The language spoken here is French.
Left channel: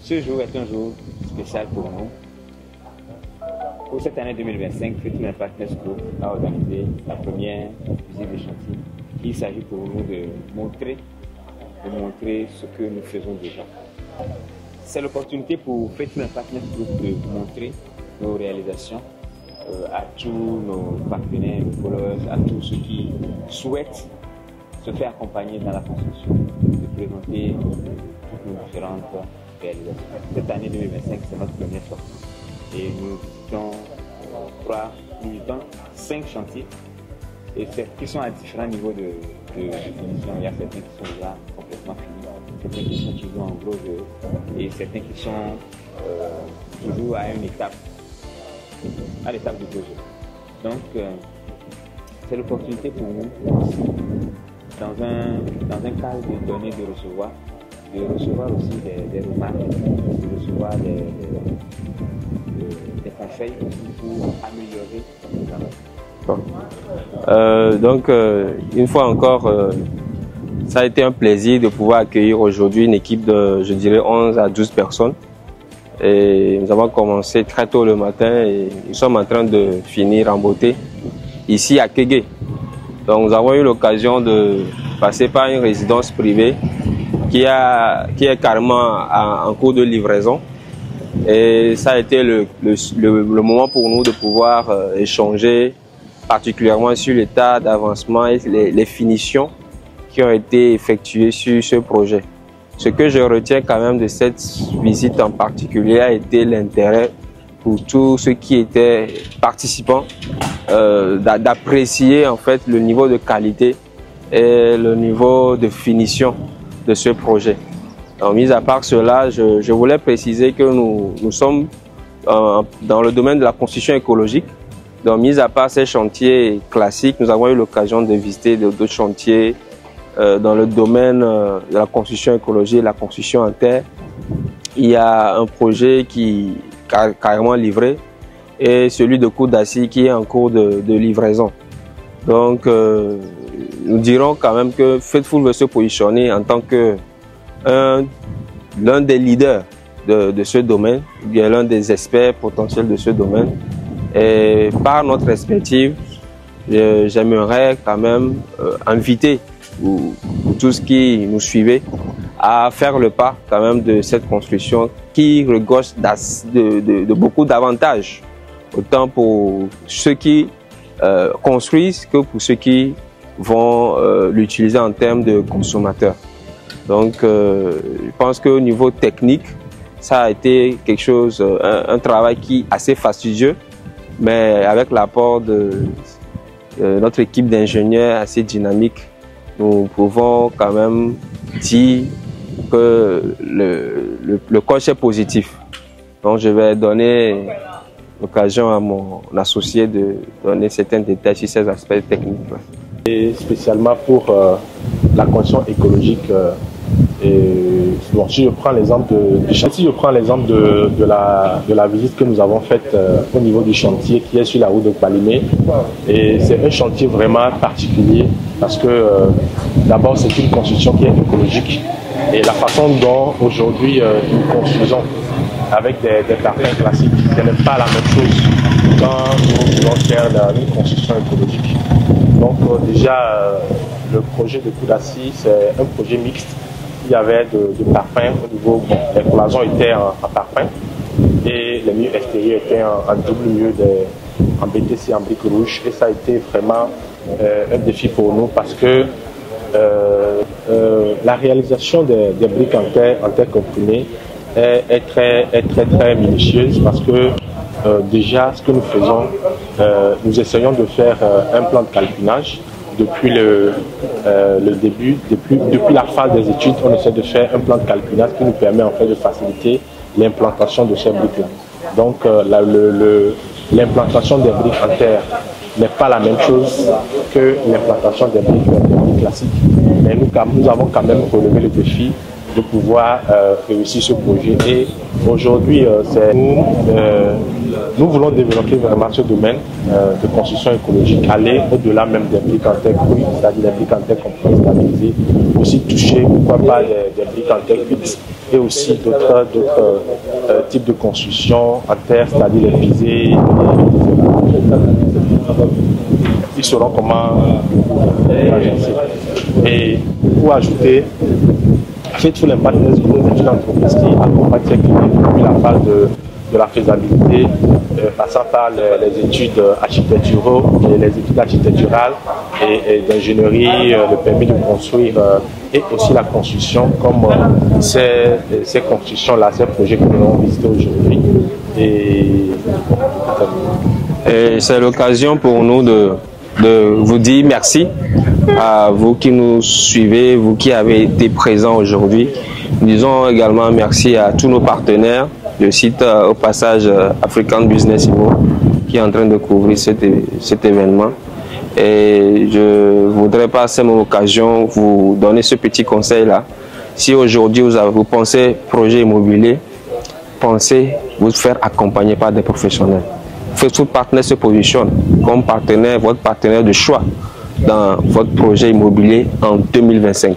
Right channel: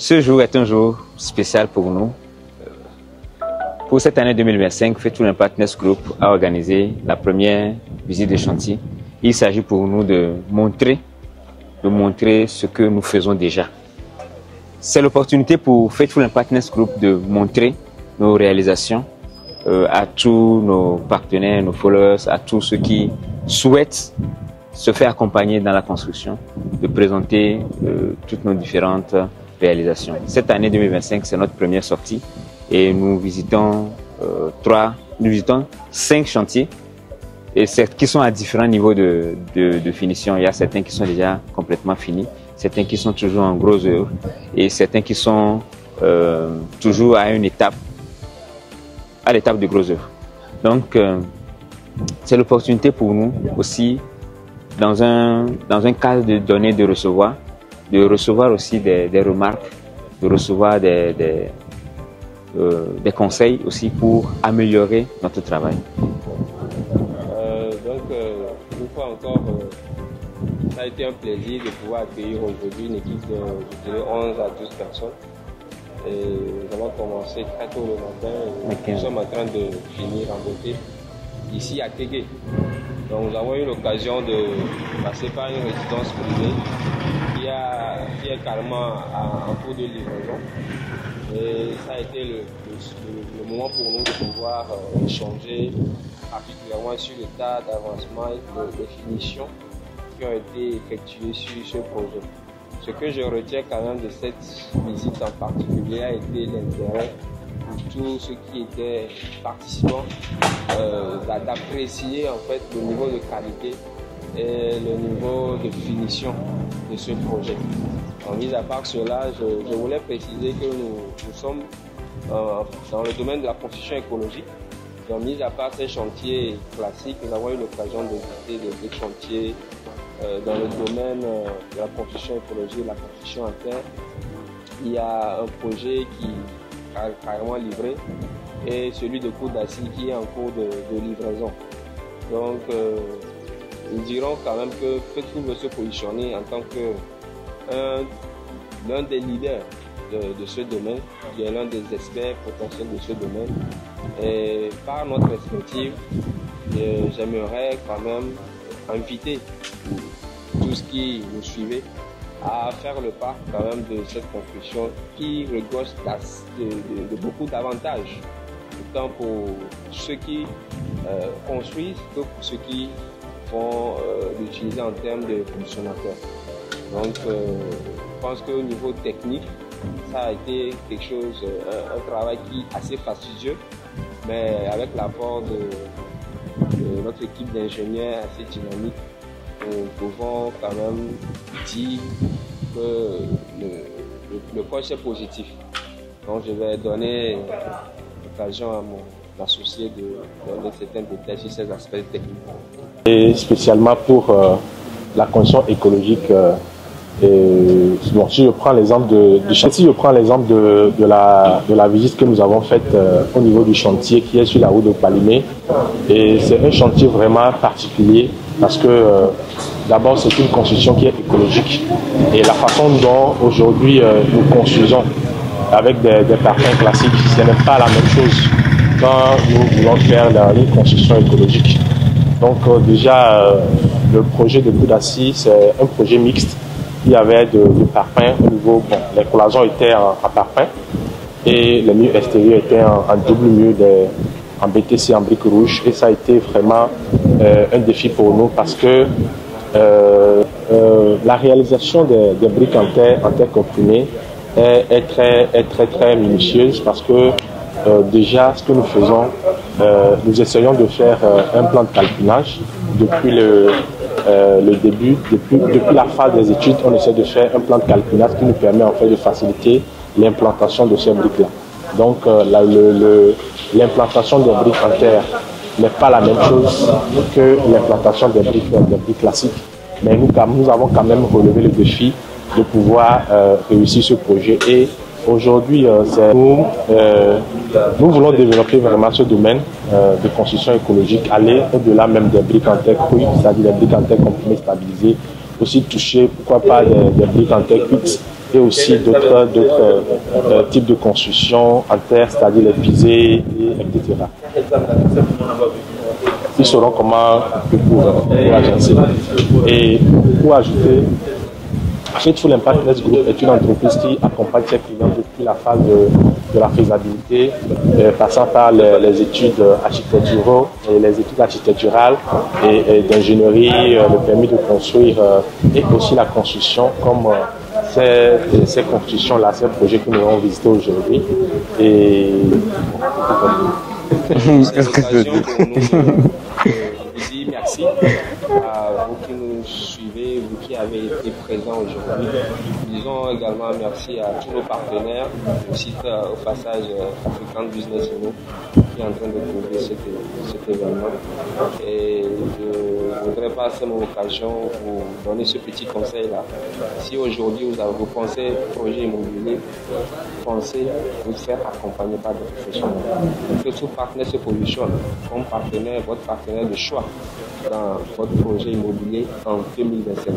Ce jour est un jour spécial pour nous. Pour cette année 2025, Faithful & Partners Group a organisé la première visite de chantier. Il s'agit pour nous de montrer ce que nous faisons déjà. C'est l'opportunité pour Faithful & Partners Group de montrer nos réalisations à tous nos partenaires, nos followers, à tous ceux qui souhaitent se faire accompagner dans la construction, de présenter toutes nos différentes réalisations. Cette année 2025, c'est notre première sortie et nous visitons 5 chantiers et qui sont à différents niveaux de finition. Il y a certains qui sont déjà complètement finis, certains qui sont toujours en gros œuvre et certains qui sont toujours à l'étape de gros œuvre. Donc, c'est l'opportunité pour nous aussi, dans un cadre de donner, de recevoir aussi des remarques, de recevoir des conseils aussi pour améliorer notre travail. Une fois encore, ça a été un plaisir de pouvoir accueillir aujourd'hui une équipe de, je dirais, 11 à 12 personnes. Et nous avons commencé très tôt le matin et nous sommes en train de finir en beauté ici à Kégué. Donc nous avons eu l'occasion de passer par une résidence privée qui est carrément en cours de livraison. Et ça a été le moment pour nous de pouvoir échanger particulièrement sur l'état d'avancement et les finitions qui ont été effectuées sur ce projet. Ce que je retiens quand même de cette visite en particulier a été l'intérêt pour tous ceux qui étaient participants d'apprécier en fait le niveau de qualité et le niveau de finition de ce projet. Donc, mis à part cela, je voulais préciser que nous sommes dans le domaine de la construction écologique. Donc, mis à part ces chantiers classiques, nous avons eu l'occasion de visiter d'autres chantiers dans le domaine de la construction écologique, la construction en terre. Il y a un projet qui est carrément livré et celui de Koudassy qui est en cours de livraison. Donc, nous dirons quand même que Faithful veut se positionner en tant que l'un des leaders de ce domaine, ou bien l'un des experts potentiels de ce domaine. Et par notre expertise, j'aimerais quand même inviter tous qui nous suivaient à faire le pas quand même de cette construction qui regorge de beaucoup d'avantages, autant pour ceux qui construisent que pour ceux qui vont l'utiliser en termes de consommateurs. Donc, je pense qu'au niveau technique, ça a été quelque chose, un travail qui est assez fastidieux, mais avec l'apport de notre équipe d'ingénieurs assez dynamique, nous pouvons quand même dire que le coach est positif. Donc, je vais donner l'occasion à mon associé de donner certains détails sur ces aspects techniques. Et spécialement pour la construction écologique. Bon, si je prends l'exemple de la visite que nous avons faite au niveau du chantier qui est sur la route de Palimé, et c'est un chantier vraiment particulier parce que d'abord c'est une construction qui est écologique et la façon dont aujourd'hui nous construisons avec des parfums classiques, ce n'est pas la même chose quand nous voulons faire une construction écologique. Donc déjà le projet de Koudassy, c'est un projet mixte. Il y avait de parfum au niveau, bon, les cloisons étaient en parfum et le mur extérieur était en double mur en BTC en briques rouges, et ça a été vraiment un défi pour nous parce que la réalisation des briques en terre comprimée est très minutieuse parce que déjà ce que nous faisons, nous essayons de faire un plan de calculage depuis le début, depuis la phase des études. On essaie de faire un plan de calculage qui nous permet en fait de faciliter l'implantation de ces briques-là. Donc l'implantation des briques en terre n'est pas la même chose que l'implantation des briques classiques. Mais nous avons quand même relevé le défi de pouvoir réussir ce projet. Et aujourd'hui, nous voulons développer vraiment ce domaine de construction écologique, aller au-delà même des briques en terre crues, c'est-à-dire des briques en terre qu'on peut stabiliser, aussi toucher, pourquoi pas, des briques en terre fixes et aussi d'autres types de construction en terre, c'est-à-dire les visées. Ils sauront comment agencer. Et pour ajouter, Fit les partenaires Group est une entreprise qui accompagne cette idée depuis la phase de la faisabilité, passant par les études architecturales, les études architecturales et d'ingénierie, le permis de construire et aussi la construction, comme ces constructions-là, ces projets que nous avons visités aujourd'hui. Et c'est l'occasion pour nous de vous dire merci à vous qui nous suivez, vous qui avez été présents aujourd'hui. Disons également merci à tous nos partenaires, le site au passage African Business Event qui est en train de couvrir cet événement. Et je voudrais par cette même occasion vous donner ce petit conseil-là. Si aujourd'hui vous pensez projet immobilier, pensez vous faire accompagner par des professionnels. Tout partenaire se positionne comme partenaire, votre partenaire de choix dans votre projet immobilier en 2025.